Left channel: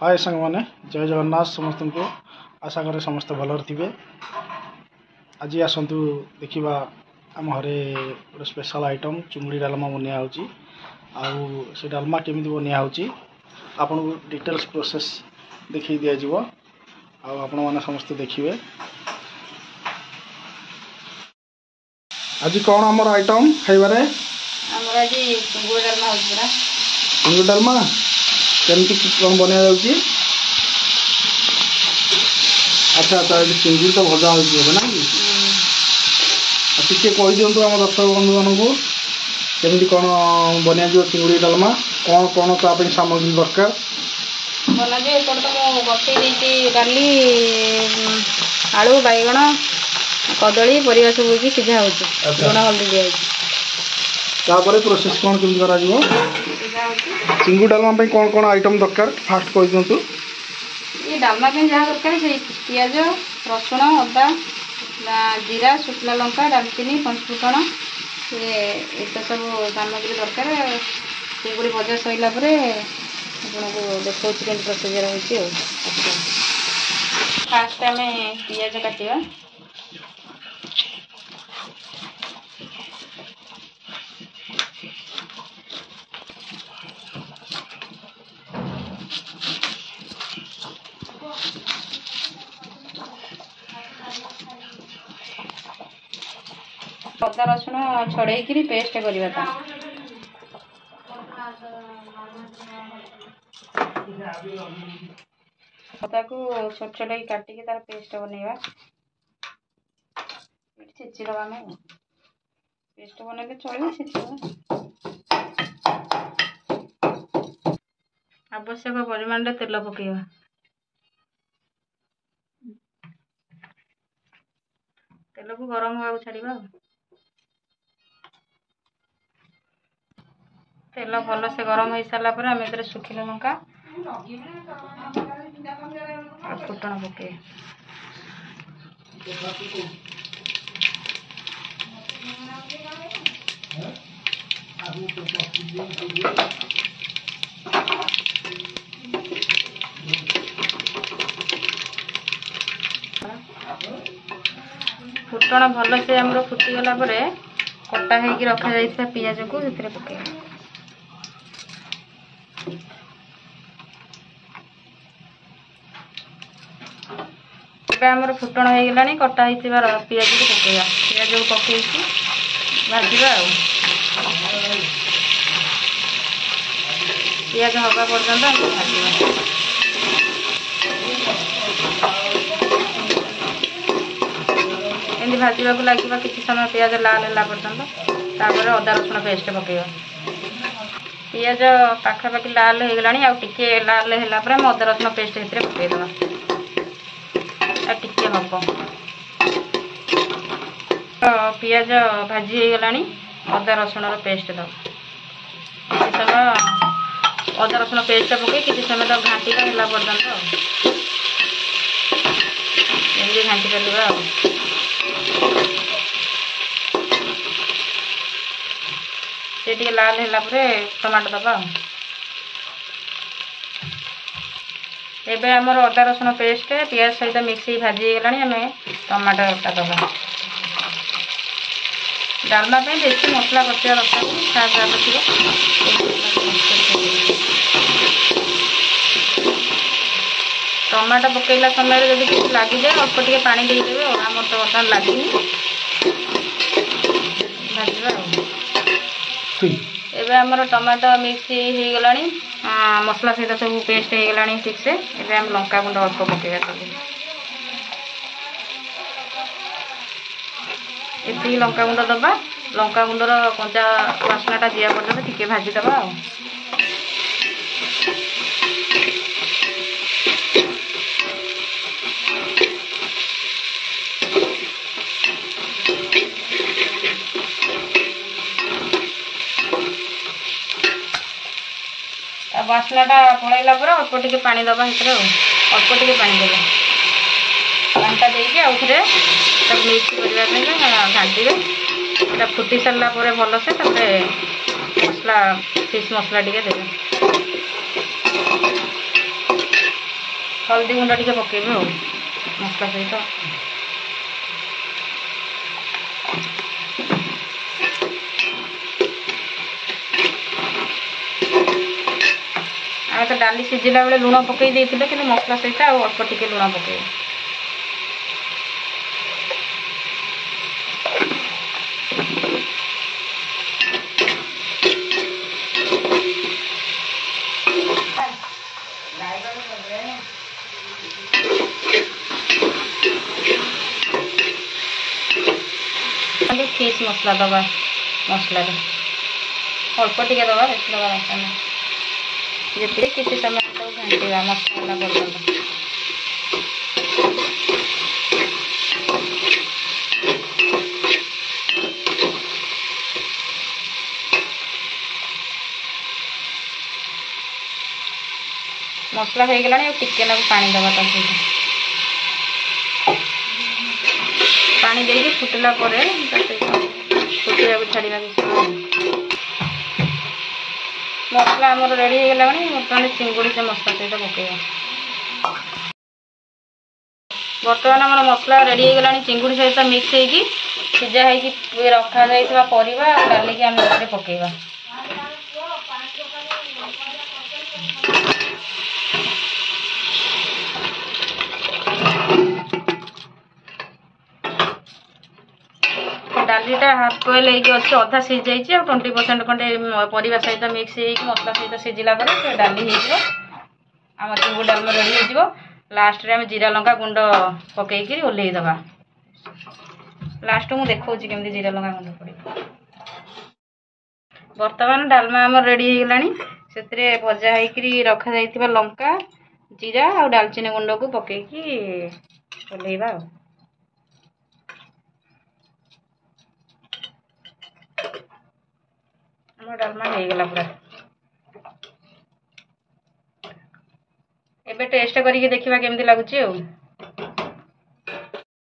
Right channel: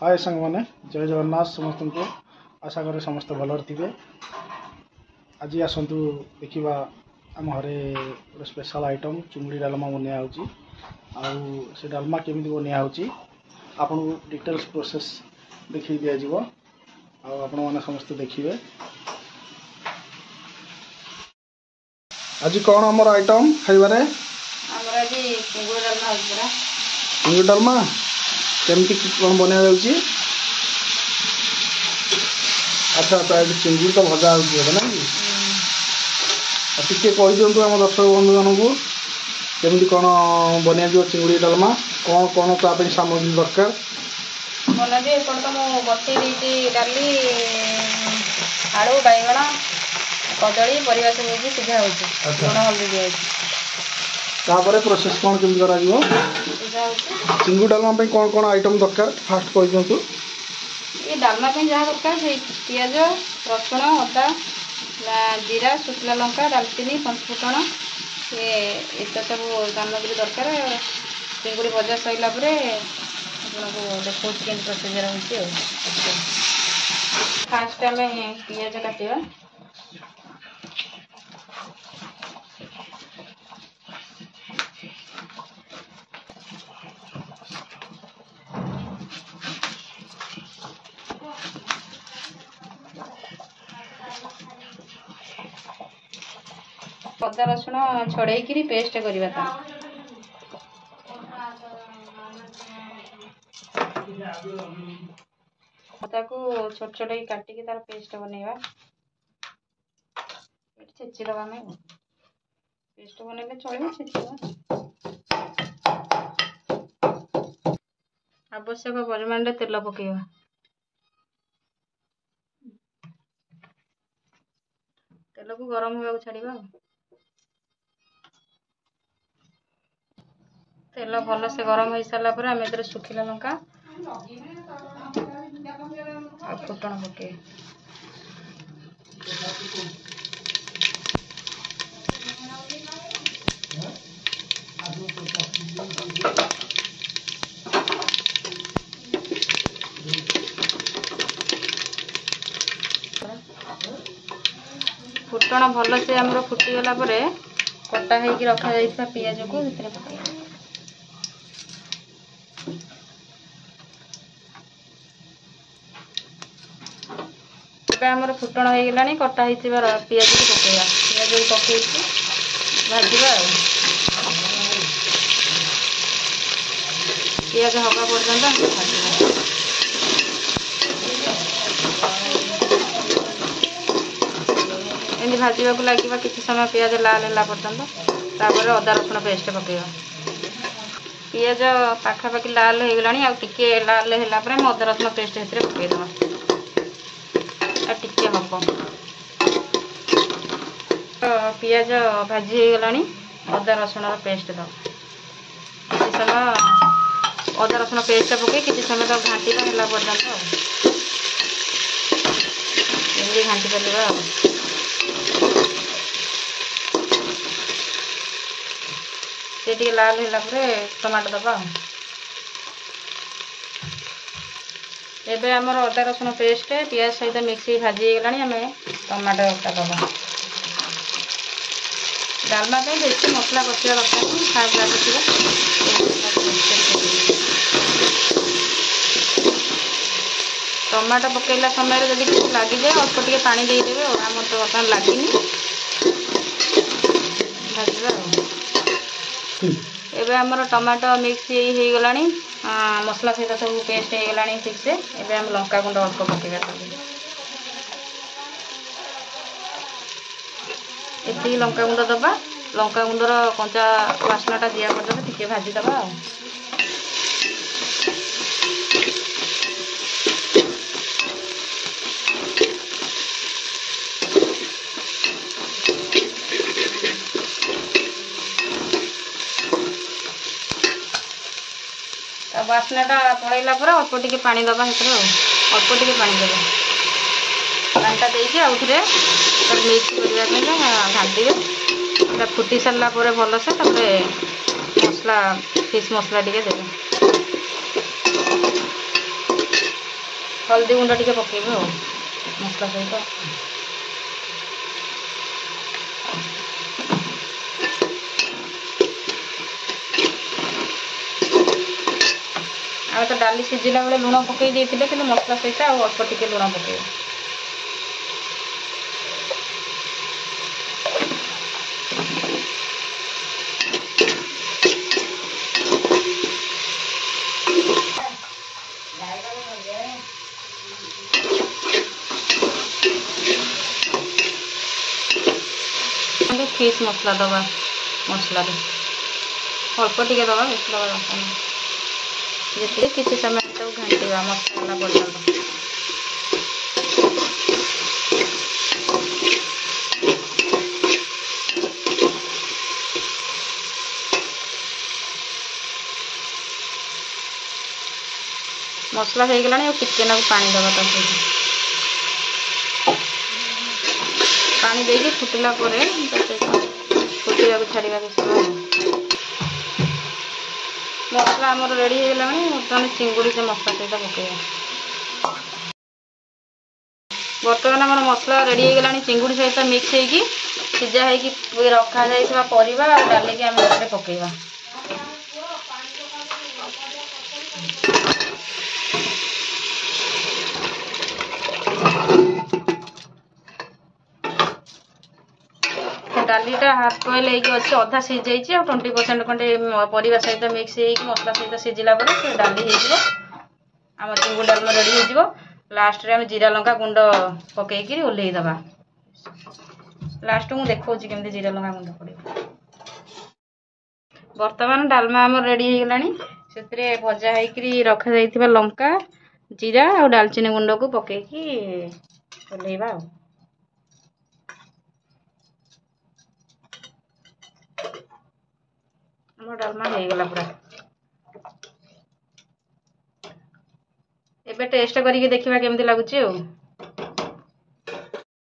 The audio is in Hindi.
हाय सांग मैंने जय जगन्नाथ समस्त को आशा करे समस्त भलर थे। आज आसतु देखा आम घरे गोटे स्पेशल आइटम चुंगड़ी डालमा बनिया से डालमा केमी बनिया आपन को डिटेल्स प्रोसेस देखी दि जाव आपण मैंने समस्त देखिए। आज कौन आमर आइटम खाइबारे चिंगुड़ी डालमा केमती कौन बना जाऊँगी। अच्छा अच्छा चिंगुड़ी तो भजा हो ना कि टे कही दिंतु आम दर्शक बंधु मानक केमती कौन बना चिंगुड़ी डालमा कौन कौन ताप सामग्री दरकार बना तो बटे डाली आलू बैगण कदली परिवा सब सीझा हो हल्दी दिखाई तापर प्रोसेस कौन केमती करा चिंगुड़ी डालमा कौन कौन आइटम दरकार फास्ट कही दिंतु। ये डालमा जहाँ दरकार से पियाज रसुण अदा जीरा शुक्ला लंका डालचीनी पंचफुटण ये सब सामग्री दरकार। चिंगुड़ी भजा सरला आपको देखा प्रोसीजर हो फास्ट आम पियाज काटा अदा रसुण छड़े पेस्ट करवा अदा को छोट छोट काटिकी तार पेस्ट बनवा छेचिदबा आम पेस्ट बनइले चलो छेचिदबा आवश्यक परिमाण तेल पकेवा तेल को गरम होगा छाड़ा तेल भल से गरम हो सारा पर आम ए सुखिला लंका फुटण पके फुटण भल से आमर फुटीगला कटा होगी रखा जाइए पियाज को पके आमर फुटण हो गला कटा पियाज को पकेगा पियाज को पकई भाजवा पियाज हवा पर्यंत भाजवा एमती भाजवा को लगे किसी समय पियाज लाल है पर्यंत तापर अदा रसुण पेस्ट पकेगा पियाज पाखापाखि लाल हो गला आगे लाल है अदा रसुण पेस्ट पकईदे टिके हम पियाज भाजी हो गला अदा रसुण पेस्ट दब किसी समय अदा रसुण पेस्ट पकई किसी समय तो घाटी है पर्यंत घाटी चलवा से लाल है टमाटो दबा एबे आमर अदा रसुण पेस्ट पियाज सहित मिक्स भाजी गला आम टमाटो का दबा डालमा बेसी मसला कषा दरकार खाया टमाटो पकईला समय जब किसी लगी जाए अल्प टे पानी देदेवे आम तो बर्तमान लगे भाजवा एबे आमर टमाटो मिक्स हो गला मसला सहित सब पेस्ट हो गला ठीक से एबे हम लंका गुंड अल्प पकेगा ये लंका गुंड दबा लंका गुंडर कंचा वासनाटा दिया पर्यटन टिके भाजीदबा बासनाटा पलैला अल्प टे पानी दबा अल्प टे पानी देवा पानीटा देकी आउ थे मिक्स करने घाटे फुटी सारा भल से मसला फिश मसला टे देवे हल्दी गुंड टिके पकेबे और मसला सहित आ तो डाली सिझिला बेले लुण पकई देइथिले कि मसला सहित आ अल्प टिके लुण पकेबे। फिश मसला दबा मसला अल्प टिके दबा बेस दबा दरकार नहीं जी किसी समय तो घाटा मसला पर्यटन मसला हो गला टिके ना पानी दबा पानी देके फुटला फुटा छाड़ा मसला आमर रेडी हो गला बर्तमान चिंगुड़ी से मसला सहित पकेगा। बर्तमान आम मसला रेडी हो गला चिंगुड़ी सहित मिक्स होगी सीझा होगी रखा जाइए परिवा डालिकी आम पकेगा। डालीटा हाफ बॉयल अच्छे अधा सीझ जाइए और 20% खंडे परिवा सहित मिक्स हो मसला सहित सीझिला से डाली आम चिंगुड़ी डालमा रेडी हो लास्ट रे आम जीरा लंका गुंड पकईकि ओल्लईदबा। लास्ट को देखा केमती जीरा लंका गुंड पड़े। बर्तमान डालमा आम रेडी हो गलानी से भजा होकर रखा जाइथिबा लंका जीरा और डालचीनी गुंड को पकईकि ओल्लईबा। डालमा हो गला पूरा एबे टेस्ट करके देखिबा केमती लागुची।